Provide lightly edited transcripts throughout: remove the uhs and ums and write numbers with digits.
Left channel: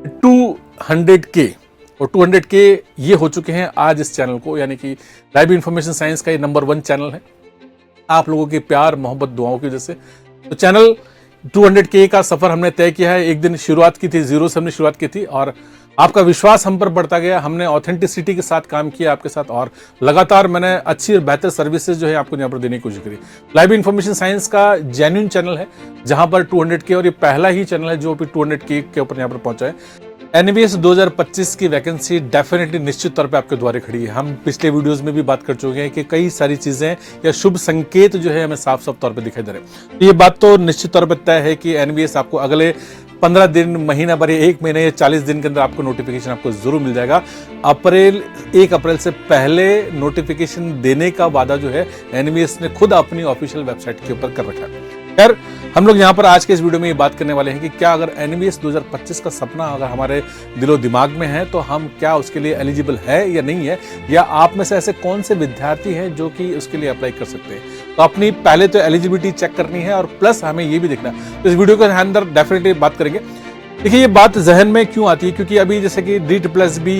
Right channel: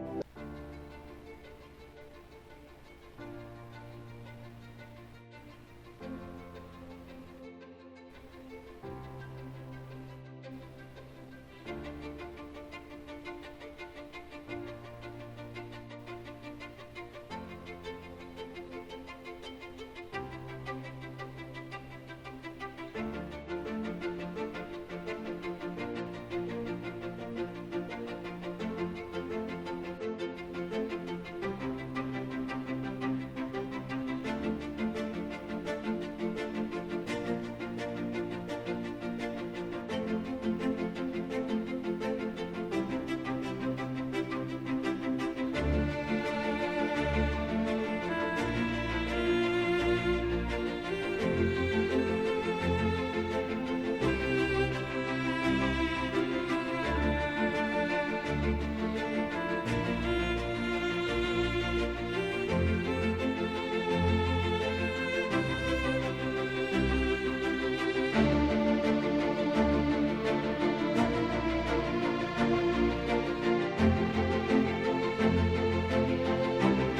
200K और 200K ये हो चुके हैं आज इस चैनल को, यानी कि लाइव इन्फॉर्मेशन साइंस का ये नंबर 1 चैनल है आप लोगों के प्यार मोहब्बत दुआओं की वजह से। तो चैनल 200K का सफर हमने तय किया है। एक दिन शुरुआत की थी, जीरो से हमने शुरुआत की थी और आपका विश्वास हम पर बढ़ता गया। हमने ऑथेंटिसिटी के साथ काम किया आपके साथ और लगातार मैंने अच्छी और बेहतर सर्विसेज जो है आपको यहाँ पर देने की कोशिश करी। लाइव इन्फॉर्मेशन साइंस का जेन्युइन चैनल है जहां पर 200K, और ये पहला ही चैनल है जो भी 200K के ऊपर यहाँ पर पहुंचा है। एनवीएस 2025 की वैकेंसी डेफिनेटली निश्चित तौर पे आपके द्वारे खड़ी है। हम पिछले वीडियोस में भी बात कर चुके हैं कि कई सारी चीजें या शुभ संकेत जो है हमें साफ साफ तौर पे दिखाई दे रहे हैं। ये बात तो निश्चित तौर पे तय है कि एनवीएस आपको अगले 15 दिन, महीना भर, 1 महीने या 40 दिन के अंदर आपको नोटिफिकेशन आपको जरूर मिल जाएगा। 1 अप्रैल से पहले नोटिफिकेशन देने का वादा जो है एनवीएस ने खुद अपनी ऑफिशियल वेबसाइट के ऊपर कर रखा है। खैर, हम लोग यहाँ पर आज के इस वीडियो में ये बात करने वाले हैं कि क्या अगर एनवीएस 2025 का सपना अगर हमारे दिलो दिमाग में है तो हम क्या उसके लिए एलिजिबल है या नहीं है, या आप में से ऐसे कौन से विद्यार्थी हैं जो कि उसके लिए अप्लाई कर सकते हैं। तो अपनी पहले तो एलिजिबिलिटी चेक करनी है और प्लस हमें ये भी देखना है। तो इस वीडियो के अंदर डेफिनेटली बात करेंगे। देखिए, ये बात जहन में क्यों आती है, क्योंकि अभी जैसे कि DSSB,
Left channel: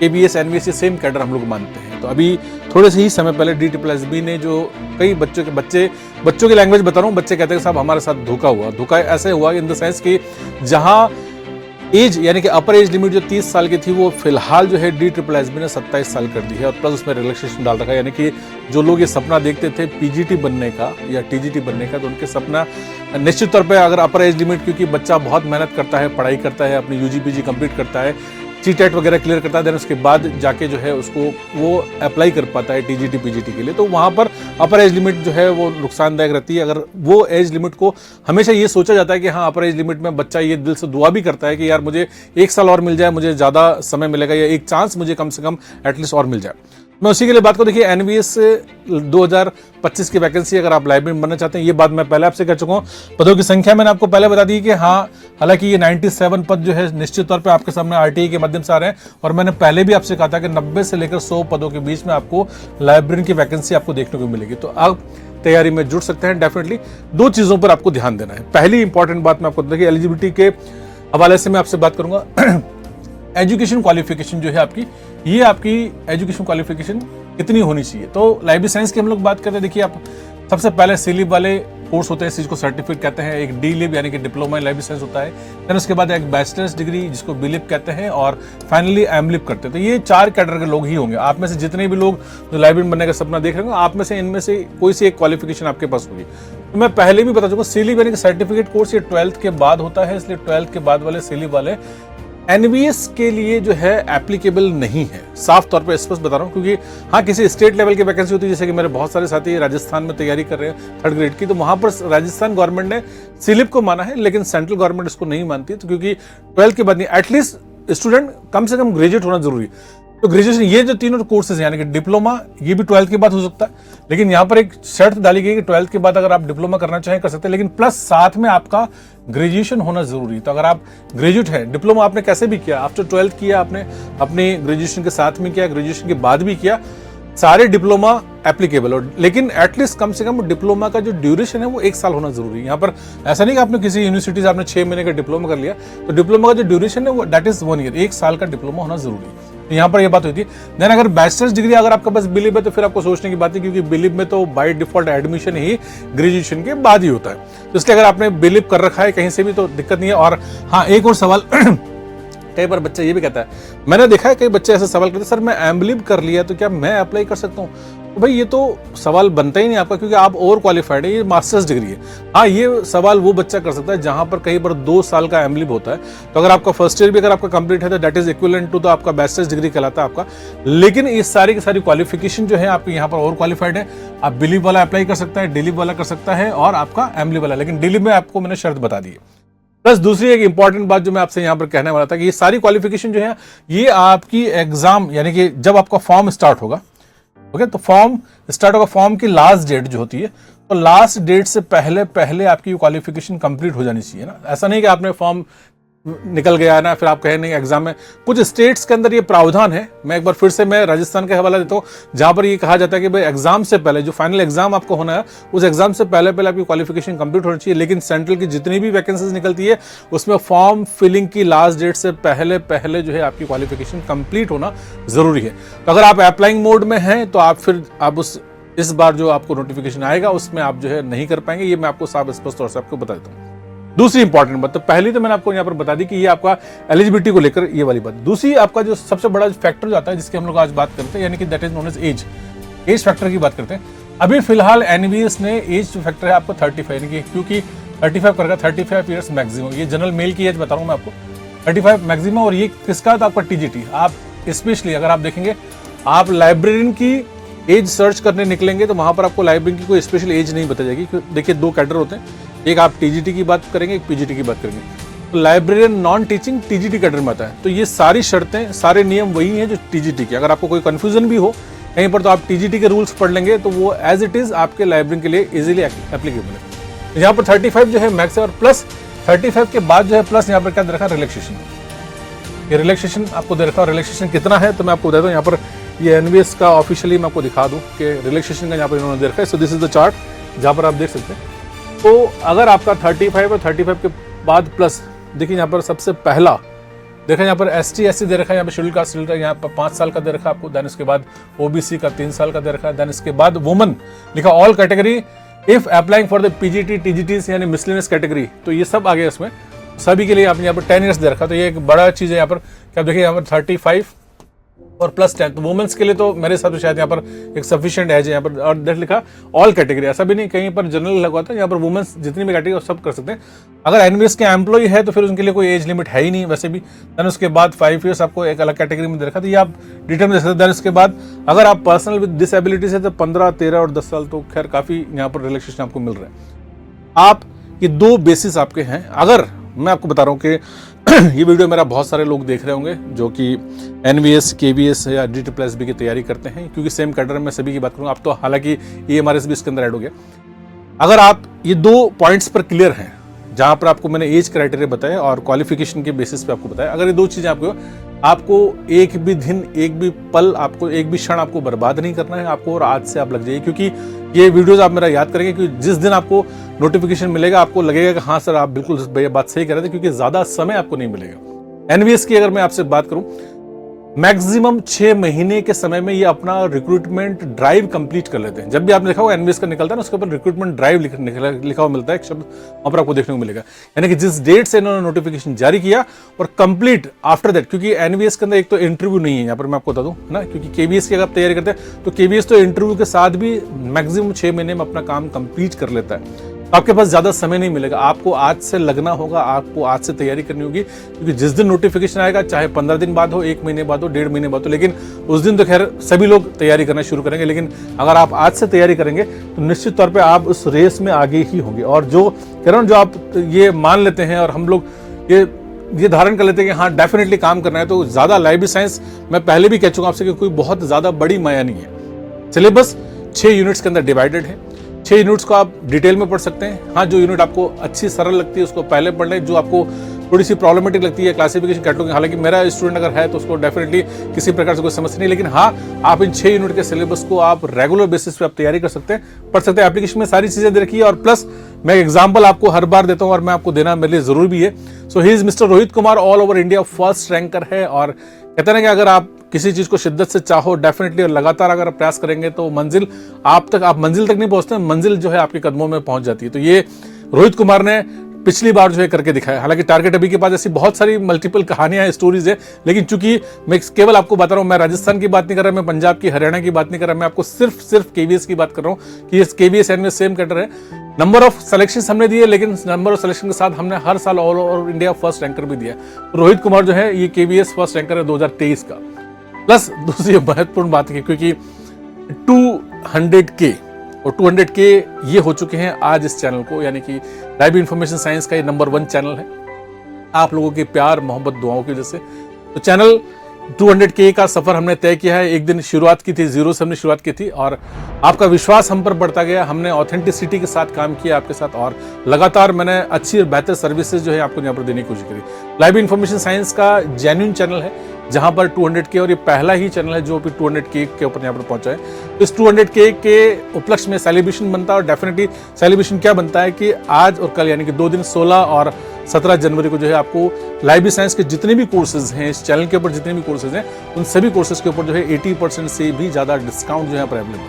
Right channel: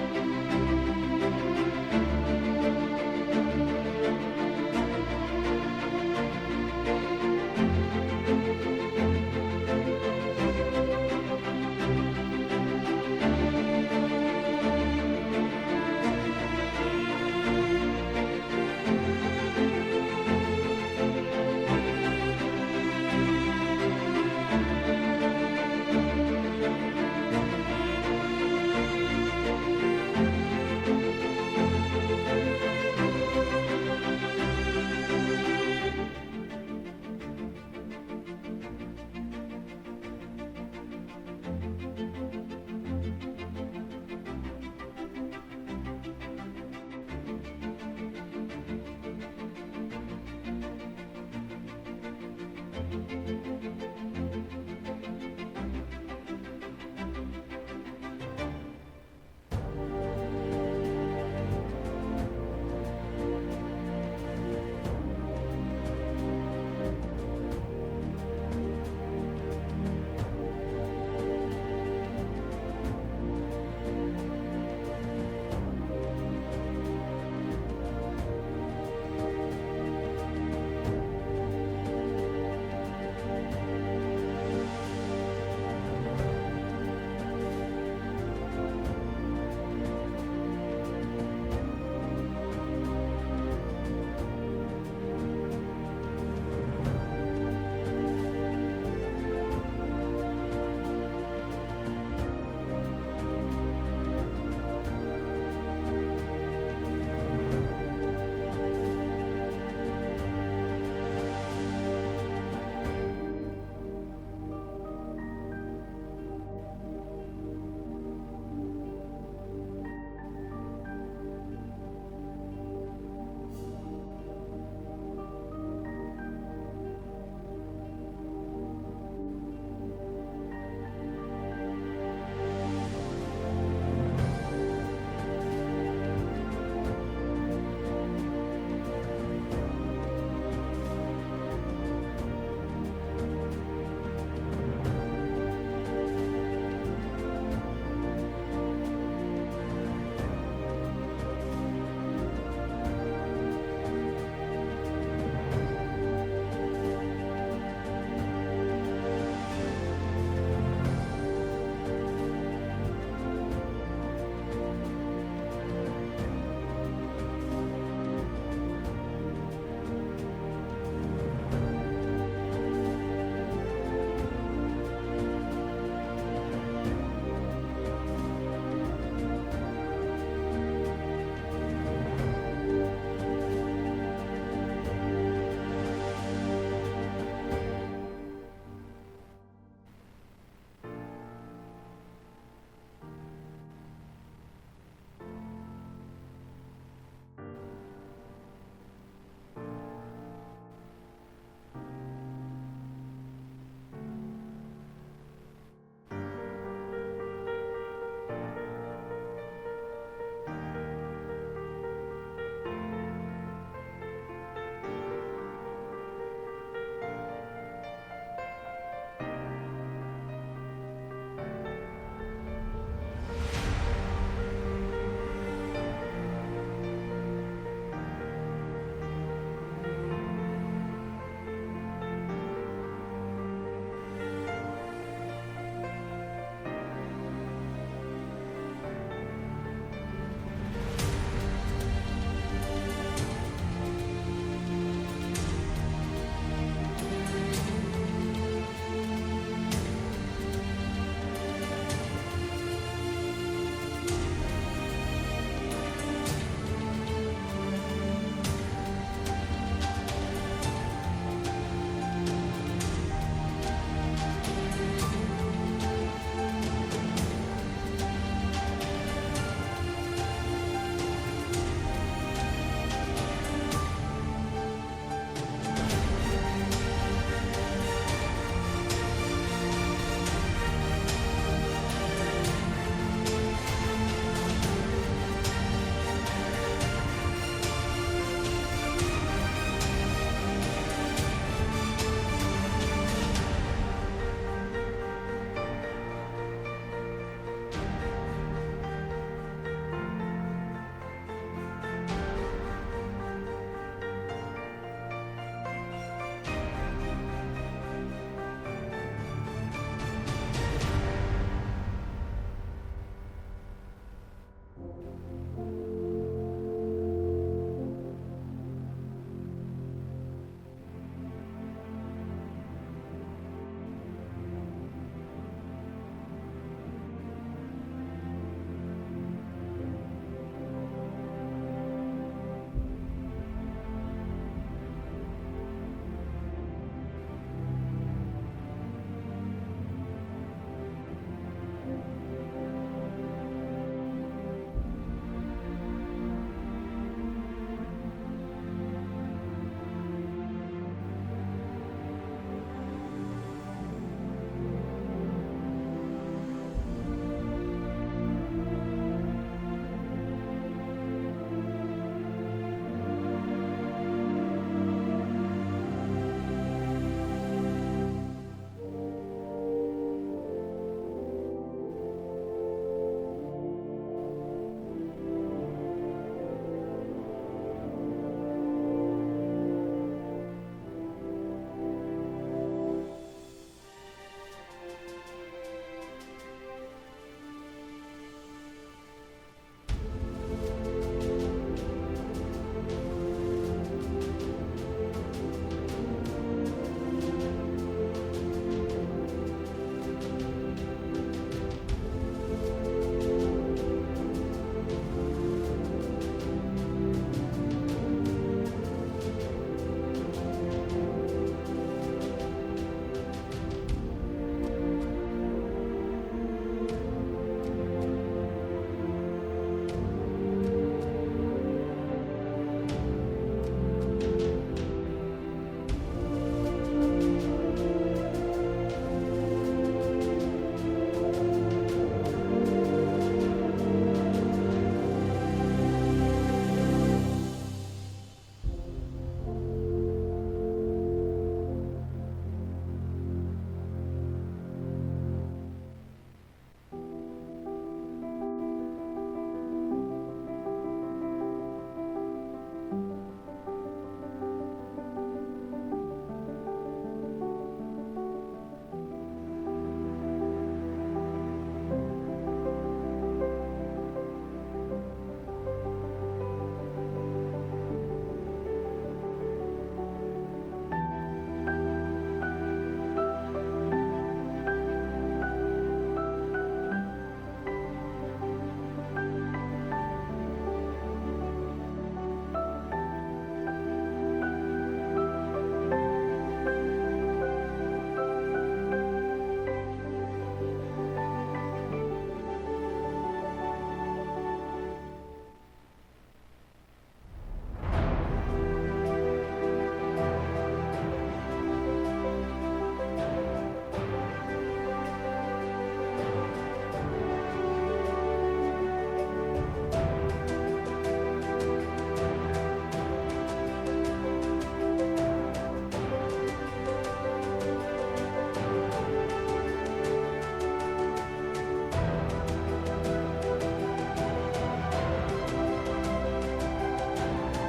KBS, एनवीएस ये सेम कैडर हम लोग मानते हैं। तो अभी थोड़े से ही समय पहले DSSB ने जो कई बच्चों की लैंग्वेज बता रहा हूँ, बच्चे कहते हैं साहब हमारे साथ धोखा ऐसे हुआ इन द सेंस कि जहां एज यानी कि अपर एज लिमिट जो 30 साल की थी वो फिलहाल जो है DSSB ने 27 साल कर दी है और प्लस उसमें रिलैक्सेशन डाल रखा है। यानी कि जो लोग ये सपना देखते थे पीजीटी बनने का या टीजीटी बनने का, तो उनके सपना निश्चित तौर पे अगर अपर एज लिमिट, क्योंकि बच्चा बहुत मेहनत करता है, पढ़ाई करता है, अपनी यूजी पीजी कंप्लीट करता है, CTET वगैरह क्लियर करता है, देन उसके बाद जाके जो है उसको वो अप्लाई कर पाता है टीजीटी पीजीटी के लिए। तो वहाँ पर अपर एज लिमिट जो है वो नुकसानदायक रहती है। अगर वो एज लिमिट को हमेशा ये सोचा जाता है कि हाँ अपर एज लिमिट में बच्चा ये दिल से दुआ भी करता है कि यार मुझे 1 साल और मिल जाए, मुझे ज़्यादा समय मिलेगा या एक चांस मुझे कम से कम एटलीस्ट और मिल जाए। मैं उसी के लिए बात करूं। देखिए, एनवीएस 2025 की वैकेंसी अगर आप लाइब्रेरियन बनना चाहते हैं, ये बात मैं पहले आपसे कह चुका हूं। पदों की संख्या मैंने आपको पहले बता दी कि हाँ, हालांकि ये 97 पद जो है निश्चित तौर पे आपके सामने आरटीई के माध्यम से आ रहे हैं और मैंने पहले भी आपसे कहा था कि 90 से लेकर 100 पदों के बीच में आपको लाइब्रेरियन की वैकेंसी आपको देखने को मिलेगी। तो आप तैयारी में जुड़ सकते हैं। डेफिनेटली 2 चीजों पर आपको ध्यान देना है। पहली इंपॉर्टेंट बात मैं आपको देखिए एलिजिबिलिटी के हवाले से मैं आपसे बात करूंगा। एजुकेशन क्वालिफिकेशन जो है आपकी, ये आपकी एजुकेशन क्वालिफिकेशन कितनी होनी चाहिए। तो लाइब्रेरी साइंस की हम लोग बात करें, देखिए आप सबसे पहले सीलिब वाले कोर्स होते हैं, इस चीज को सर्टिफिकेट कहते हैं। एक डीलिब यानी कि डिप्लोमा इन लाइब्रेरी साइंस होता है, फिर उसके बाद एक बैचलर्स डिग्री जिसको बीलिब कहते हैं और फाइनली एमलिब करते हैं। तो ये 4 कैडर के लोग ही होंगे। आप में से जितने भी लोग जो लाइब्रेरियन बनने का सपना देख रहे हैं, आप में से इनमें से कोई सी एक क्वालिफिकेशन आपके पास होगी। तो मैं पहले भी बता चुका, सीलिब यानी कि सर्टिफिकेट कोर्स ये 12th के बाद होता है, इसलिए 12th के बाद वाले सीलिब वाले एनवीएस के लिए जो है एप्लीकेबल नहीं है। साफ तौर पे स्पष्ट बता रहा हूँ, क्योंकि हाँ किसी स्टेट लेवल की वैकेंसी होती है, जैसे कि मेरे बहुत सारे साथी राजस्थान में तैयारी कर रहे हैं 3rd ग्रेड की, तो वहां पर राजस्थान गवर्नमेंट ने सीलिप को माना है, लेकिन सेंट्रल गवर्नमेंट इसको नहीं मानती। तो क्योंकि 12th के बाद नहीं, एटलीस्ट स्टूडेंट कम से कम ग्रेजुएट होना जरूरी है। तो ग्रेजुएशन ये जो तीनों कोर्सेज यानी कि डिप्लोमा, ये भी 12th के बाद हो सकता है, लेकिन यहाँ पर एक शर्त डाली गई कि 12th के बाद अगर आप डिप्लोमा करना चाहें कर सकते हैं, लेकिन प्लस साथ में आपका ग्रेजुएशन होना जरूरी। तो अगर आप ग्रेजुएट हैं, डिप्लोमा आपने कैसे भी किया, आफ्टर 12th किया आपने, अपने ग्रेजुएशन के साथ में किया, ग्रेजुएशन के बाद भी किया, सारे डिप्लोमा एप्लीकेबल हो, लेकिन एटलीस्ट कम से कम डिप्लोमा का जो ड्यूरेशन है वो 1 साल होना जरूरी है। यहाँ पर ऐसा नहीं कि आपने किसी यूनिवर्सिटी से आपने 6 महीने का डिप्लोमा कर लिया, तो डिप्लोमा का जो ड्यूरेशन है वो दैट इज 1 ईयर, 1 साल का डिप्लोमा होना जरूरी है। तो यहाँ पर ये बात होती है। देन अगर बैचलर्स डिग्री अगर आपके पास बिलिब है तो फिर आपको सोचने की बात है, क्योंकि बिलिब में तो by default admission he graduation के बाद ही होता है। तो इसलिए अगर आपने बिलिब कर रखा है कहीं से भी तो दिक्कत नहीं है। और हाँ, एक और सवाल कई बार बच्चा ये भी कहता है, मैंने देखा है कई बच्चे ऐसे सवाल करते हैं, सर मैं एमलिब कर लिया तो क्या मैं अप्लाई कर सकता हूँ। तो भाई ये तो सवाल बनता ही नहीं आपका, क्योंकि आप ओवर क्वालिफाइड है, ये मास्टर्स डिग्री है। हाँ, ये सवाल वो बच्चा कर सकता है जहां पर कहीं पर 2 साल का एमलिब होता है। तो अगर आपका फर्स्ट ईयर भी अगर आपका कंप्लीट है तो that is equivalent to the आपका बैचलर्स डिग्री कहलाता है आपका। लेकिन ये सारी की सारी क्वालिफिकेशन जो है आपकी यहाँ पर ओवर क्वालिफाइड है। आप बिलिब वाला अप्लाई कर सकता है, डिलिब वाला कर सकता है और आपका एमलिब वाला, लेकिन डिलिब में आपको मैंने शर्त बता दी है। प्लस दूसरी एक इंपॉर्टेंट बात जो मैं आपसे यहाँ पर कहने वाला था कि ये सारी क्वालिफिकेशन जो है ये आपकी एग्जाम यानी कि जब आपका फॉर्म स्टार्ट होगा, ओके, तो फॉर्म स्टार्ट होगा, फॉर्म की लास्ट डेट जो होती है, तो लास्ट डेट से पहले पहले आपकी क्वालिफिकेशन कंप्लीट हो जानी चाहिए ना। ऐसा नहीं कि आपने फॉर्म निकल गया है ना, फिर आप कहें नहीं एग्जाम में। कुछ स्टेट्स के अंदर ये प्रावधान है, मैं एक बार फिर से मैं राजस्थान का हवाला देता हूँ, जहां पर ये कहा जाता है कि भाई एग्जाम से पहले जो फाइनल एग्जाम आपको होना है, उस एग्जाम से पहले पहले आपकी क्वालिफिकेशन कंप्लीट होनी चाहिए। लेकिन सेंट्रल की जितनी भी वैकेंसीज निकलती है उसमें फॉर्म फिलिंग की लास्ट डेट से पहले पहले जो है आपकी क्वालिफिकेशन कंप्लीट होना जरूरी है। तो अगर आप अप्लाइंग मोड में हैं तो आप फिर आप इस बार जो आपको नोटिफिकेशन आएगा उसमें आप जो है नहीं कर पाएंगे, ये मैं आपको साफ स्पष्ट तौर से आपको बता देता हूँ। दूसरी इंपॉर्टेंट बात, तो पहली तो मैंने आपको यहाँ पर बता दी कि ये आपका एलिजिबिलिटी को लेकर ये वाली बात। दूसरी आपका जो सबसे बड़ा फैक्टर जो आता है जिसकी हम लोग आज बात करते हैं, यानी कि that is known as as factor की बात करते हैं। अभी फिलहाल एनवीएस ने एज जो फैक्टर है आपको 35 यानी कि क्योंकि 35 करेगा, 35 ईयर्स मैक्सिमम, ये जनरल मेल की एज बता रहा हूँ मैं आपको, 35 मैक्सिमम। और ये किसका, तो आपका टीजीटी। आप स्पेशली अगर आप देखेंगे, आप लाइब्रेरियन की एज सर्च करने निकलेंगे तो वहां पर आपको लाइब्रेरियन की कोई स्पेशल एज नहीं बताई जाएगी। देखिए दो कैडर होते हैं, एक आप टीजीटी की बात करेंगे, एक पीजीटी की बात करेंगे। तो librarian non teaching TGT cadre में आता है। तो ये सारी शर्तें, सारे नियम वही हैं जो टीजीटी के। अगर आपको कोई कंफ्यूजन भी हो कहीं पर तो आप टीजीटी के रूल्स पढ़ लेंगे तो वो एज इट इज आपके लाइब्रेरियन के लिए इजीली एप्लीकेबल है। तो यहाँ पर 35 जो है मैक्स है, और प्लस 35 के बाद जो है प्लस यहाँ पर क्या दे रखा है, रिलैक्सेशन। ये रिलैक्सेशन आपको दे रखा है। रिलैक्सेशन कितना है तो मैं आपको बता दूँ, यहाँ पर ये एनवीएस का ऑफिशियली मैं आपको दिखा दूँ कि रिलैक्सेशन का यहाँ पर इन्होंने दे रखा है। So this is the chart जहाँ पर आप देख सकते हैं। तो अगर आपका 35 और 35 के बाद प्लस, देखिए यहाँ पर सबसे पहला देखा यहाँ पर एसटी एससी दे रखा है, यहाँ पर शेड्यूल कास्ट शेड्यूल, यहाँ पर 5 साल का दे रखा है आपको। देन इसके बाद ओबीसी का 3 साल का दे रखा है। देन इसके बाद वुमन लिखा all category if applying for the PGT TGTs यानी मिसलेनियस कैटेगरी, तो ये सब आ गया इसमें, सभी के लिए आपने यहाँ पर 10 ईयर्स दे रखा। तो ये एक बड़ा चीज़ है यहाँ पर। क्या देखिए यहाँ पर 35 और प्लस 10, तो वुमेन्स के लिए तो मेरे हिसाब से शायद यहाँ पर एक सफिशिएंट एज है यहाँ पर। और डेट लिखा ऑल कैटेगरी, ऐसा भी नहीं कहीं पर जनरल लगा था, यहाँ पर वुमेन्स जितनी भी कैटेगरी सब कर सकते हैं। अगर एनवीएस के एम्प्लॉय है तो फिर उनके लिए कोई एज लिमिट है ही नहीं वैसे भी। देन उसके बाद 5 ईयर्स आपको एक अलग कैटेगरी में दे रखा, तो ये आप डिटेल में देख सकते हैं। देन उसके बाद अगर आप पर्सनल विद डिसेबिलिटीज है तो 15, 13 और 10 साल, तो खैर काफ़ी यहाँ पर रिलैक्सेशन आपको मिल रहा है। आप ये दो बेसिस आपके हैं। अगर मैं आपको बता रहा हूँ कि ये वीडियो मेरा बहुत सारे लोग देख रहे होंगे जो कि एनवीएस, केवीएस या DSSB की तैयारी करते हैं, क्योंकि सेम कैडर में सभी की बात करूँ। आप तो हालांकि EMRS भी इसके अंदर ऐड हो गया। अगर आप ये दो पॉइंट्स पर क्लियर हैं, जहाँ पर आपको मैंने एज क्राइटेरिया बताया और क्वालिफिकेशन के बेसिस पे आपको बताया, अगर ये दो चीज़ें आपको एक भी दिन, एक भी पल, आपको एक भी क्षण आपको बर्बाद नहीं करना है आपको, और आज से आप लग जाइए। क्योंकि ये वीडियोस आप मेरा याद करेंगे, क्योंकि जिस दिन आपको नोटिफिकेशन मिलेगा आपको लगेगा कि हाँ सर आप बिल्कुल ये बात सही कह रहे थे, क्योंकि ज़्यादा समय आपको नहीं मिलेगा। एनवीएस की अगर मैं आपसे बात करूँ, मैक्सिमम 6 महीने के समय में ये अपना रिक्रूटमेंट ड्राइव कंप्लीट कर लेते हैं। जब भी आपने देखा होगा एनवीएस का निकलता है ना, उसके ऊपर रिक्रूटमेंट ड्राइव लिखा हुआ मिलता है, एक शब्द वहां पर आपको देखने को मिलेगा। यानी कि जिस डेट से इन्होंने नोटिफिकेशन जारी किया और कंप्लीट आफ्टर दैट, क्योंकि एनवीएस के अंदर एक तो इंटरव्यू नहीं है, यहाँ पर मैं आपको बता दूं ना, क्योंकि केवीएस की अगर आप तैयारी करते हैं तो केवीएस तो इंटरव्यू के साथ भी मैक्सिमम 6 महीने में अपना काम कंप्लीट कर लेता है। आपके पास ज्यादा समय नहीं मिलेगा, आपको आज से लगना होगा, आपको आज से तैयारी करनी होगी, क्योंकि जिस दिन नोटिफिकेशन आएगा, चाहे 15 दिन बाद हो, 1 महीने बाद हो, 1.5 महीने बाद हो, लेकिन उस दिन तो खैर सभी लोग तैयारी करना शुरू करेंगे। लेकिन अगर आप आज से तैयारी करेंगे तो निश्चित तौर पे आप उस रेस में आगे ही होंगे। और जो कह रहा हूँ, जो आप ये मान लेते हैं और हम लोग ये धारण कर लेते हैं कि हाँ डेफिनेटली काम करना है, तो ज्यादा लाइब्रेरी साइंस मैं पहले भी कह चुका आपसे कि कोई बहुत ज्यादा बड़ी माया नहीं है। सिलेबस 6 यूनिट्स के अंदर डिवाइडेड है। 6 यूनिट्स को आप डिटेल में पढ़ सकते हैं। हाँ, जो यूनिट आपको अच्छी सरल लगती है उसको पहले पढ़ लें, जो आपको थोड़ी सी प्रॉब्लमेटिक लगती है क्लासिफिकेशन कैटलॉग, हालांकि मेरा स्टूडेंट अगर है तो उसको डेफिनेटली किसी प्रकार से कोई समस्या नहीं, लेकिन हाँ आप इन 6 यूनिट के सिलेबस को आप रेगुलर बेसिस पे आप तैयारी कर सकते हैं, पढ़ सकते हैं। एप्लीकेशन में सारी चीजें दे रखी है, और प्लस मैं एग्जाम्पल आपको हर बार देता हूँ और मैं आपको देना मेरे लिए जरूरी भी है। So he is mister Rohit Kumar, all over India first ranker है। और कहते हैं कि अगर आप किसी चीज को शिद्दत से चाहो डेफिनेटली और लगातार अगर आप प्रयास करेंगे तो मंजिल आप मंजिल तक नहीं पहुंचते, मंजिल जो है आपके कदमों में पहुंच जाती है। तो ये रोहित कुमार ने पिछली बार जो है करके दिखाया। हालांकि टारगेट अभी के पास ऐसी बहुत सारी मल्टीपल कहानियां हैं, स्टोरीज है, लेकिन चूंकि मैं केवल आपको बता रहा हूं, मैं राजस्थान की बात नहीं कर रहा, मैं पंजाब की, हरियाणा की बात नहीं कर रहा, मैं आपको सिर्फ केवीएस की बात कर रहा हूं कि केवीएस एनवीएस सेम कैडर है। नंबर ऑफ सिलेक्शन हमने दिए, लेकिन नंबर ऑफ सिलेक्शन के साथ हमने हर साल all over India first ranker भी दिया। रोहित कुमार जो है ये केवीएस फर्स्ट रैंकर है 2023 का। प्लस दूसरी महत्वपूर्ण बात है, क्योंकि 200K और 200K ये हो चुके हैं आज इस चैनल को, यानी कि लाइब्रेरी इंफॉर्मेशन साइंस का ये नंबर 1 चैनल है आप लोगों के प्यार, मोहब्बत, दुआओं की वजह से। तो चैनल 200K का सफर हमने तय किया है। एक दिन शुरुआत की थी, 0 से हमने शुरुआत की थी, और आपका विश्वास हम पर बढ़ता गया। हमने ऑथेंटिसिटी के साथ काम किया आपके साथ, और लगातार मैंने अच्छी और बेहतर सर्विसेज जो है आपको यहाँ पर देने की कोशिश करी। लाइव इन्फॉर्मेशन साइंस का जेन्युइन चैनल है जहां पर 200K, और ये पहला ही चैनल है जो भी 200K के ऊपर यहाँ पर पहुंचा है। तो इस 200K के उपलक्ष्य में सेलिब्रेशन बनता है, और डेफिनेटली सेलिब्रेशन क्या बनता है कि आज और कल यानी कि 2 दिन 16 और 17 जनवरी को जो है आपको लाइब्रेरी साइंस के जितने भी कोर्सेज हैं, इस चैनल के ऊपर जितने भी कोर्सेज हैं, उन सभी कोर्सेज के ऊपर जो है 80% से भी ज़्यादा डिस्काउंट जो है अवेलेबल है।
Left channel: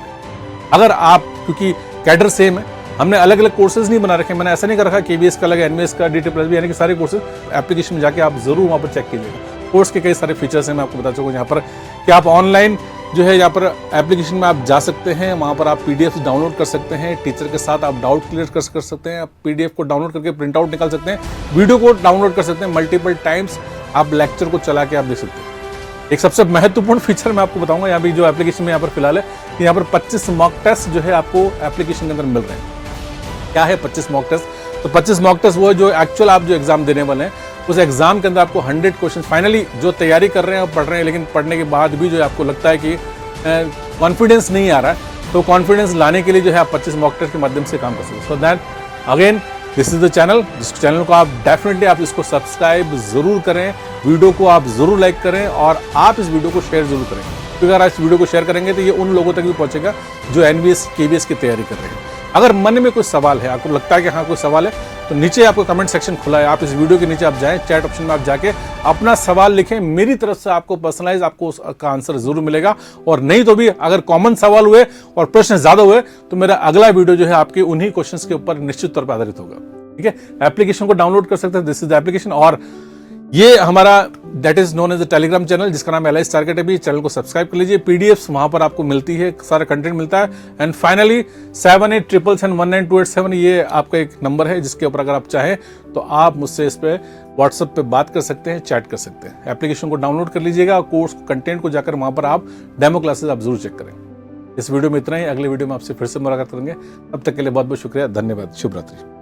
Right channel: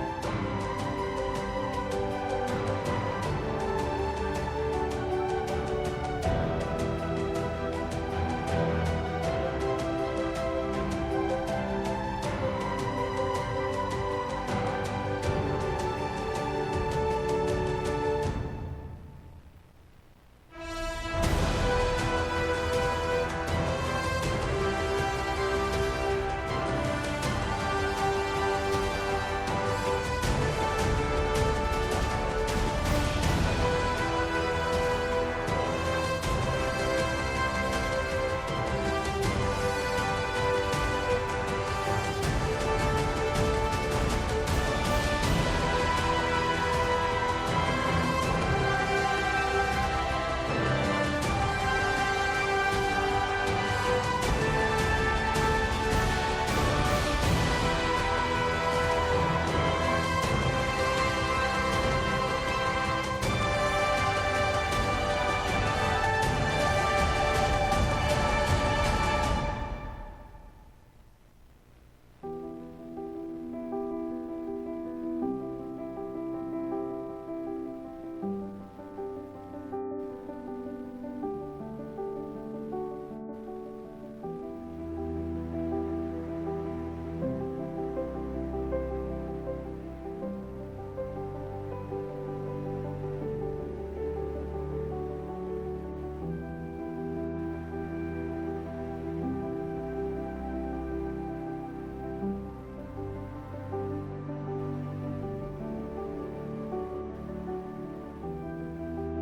अगर आप, क्योंकि कैडर सेम है, हमने अलग अलग कोर्सेज नहीं बना रखे, मैंने ऐसा नहीं कर रखा KBS का अलग, NVS का, DT+ भी, यानी कि सारे कोर्सेज एप्लीकेशन में जाके आप जरूर वहाँ पर चेक कीजिएगा। कोर्स के कई सारे फीचर्स हैं, मैं आपको बता चुका हूँ यहाँ पर कि आप ऑनलाइन जो है यहाँ पर एप्लीकेशन में आप जा सकते हैं, वहाँ पर आप PDF डाउनलोड कर सकते हैं, टीचर के साथ आप डाउट क्लियर कर सकते हैं, आप PDF को डाउनलोड करके प्रिंट आउट निकाल सकते हैं, वीडियो को डाउनलोड कर सकते हैं, मल्टीपल टाइम्स आप लेक्चर को चला के आप देख सकते हैं। एक सबसे महत्वपूर्ण फीचर मैं आपको बताऊंगा यहाँ भी जो एप्लीकेशन में यहाँ पर फिलहाल है, यहाँ पर 25 मॉक टेस्ट जो है आपको एप्लीकेशन के अंदर मिल रहे हैं। क्या है 25 मॉक टेस्ट? तो 25 मॉक टेस्ट वो है जो एक्चुअल आप जो एग्जाम देने वाले हैं, उस एग्जाम के अंदर आपको 100 क्वेश्चन फाइनली जो तैयारी कर रहे हैं और पढ़ रहे हैं, लेकिन पढ़ने के बाद भी जो आपको लगता है कि कॉन्फिडेंस नहीं आ रहा है, तो कॉन्फिडेंस लाने के लिए जो है आप 25 मॉक टेस्ट के माध्यम से काम कर सकते हैं। So that again this is the channel, इस चैनल को आप डेफिनेटली आप इसको सब्सक्राइब जरूर करें, वीडियो को आप जरूर लाइक करें, और आप इस वीडियो को शेयर जरूर करें, क्योंकि अगर आप इस वीडियो को शेयर करेंगे तो ये उन लोगों तक भी पहुंचेगा जो NVS KBS की तैयारी कर रहे हैं। अगर मन में कोई सवाल है, आपको लगता है कि हाँ कोई सवाल है, तो नीचे आपको कमेंट सेक्शन खुला है, आप इस वीडियो के नीचे आप जाएं, चैट ऑप्शन में आप जाके अपना सवाल लिखें, मेरी तरफ से आपको पर्सनलाइज आपको उसका आंसर जरूर मिलेगा। और नहीं तो भी अगर कॉमन सवाल हुए और प्रश्न ज्यादा हुए तो मेरा अगला वीडियो जो है आपके उन्हीं क्वेश्चंस के ऊपर निश्चित तौर पर आधारित होगा। ठीक है, एप्लीकेशन को डाउनलोड कर सकते हैं, दिस इज द एप्लीकेशन, और ये हमारा that is known as the Telegram channel जिसका नाम एलाइज टारगेट है भी। चैनल को सब्सक्राइब कर लीजिए, PDFs वहां पर आपको मिलती है, सारा कंटेंट मिलता है। एंड फाइनली 7877192887 ये आपका एक नंबर है जिसके ऊपर अगर आप चाहें तो आप मुझसे इस पे WhatsApp पे बात कर सकते हैं, चैट कर सकते हैं। एप्लीकेशन को डाउनलोड कर लीजिएगा, कोर्स कंटेंट को जाकर वहां पर आप डेमो क्लासेस आप जरूर चेक करें। इस वीडियो में इतना ही, अगले वीडियो में आपसे फिर से मुलाकात करेंगे, तब तक के लिए बहुत बहुत शुक्रिया, धन्यवाद, शुभ रात्रि।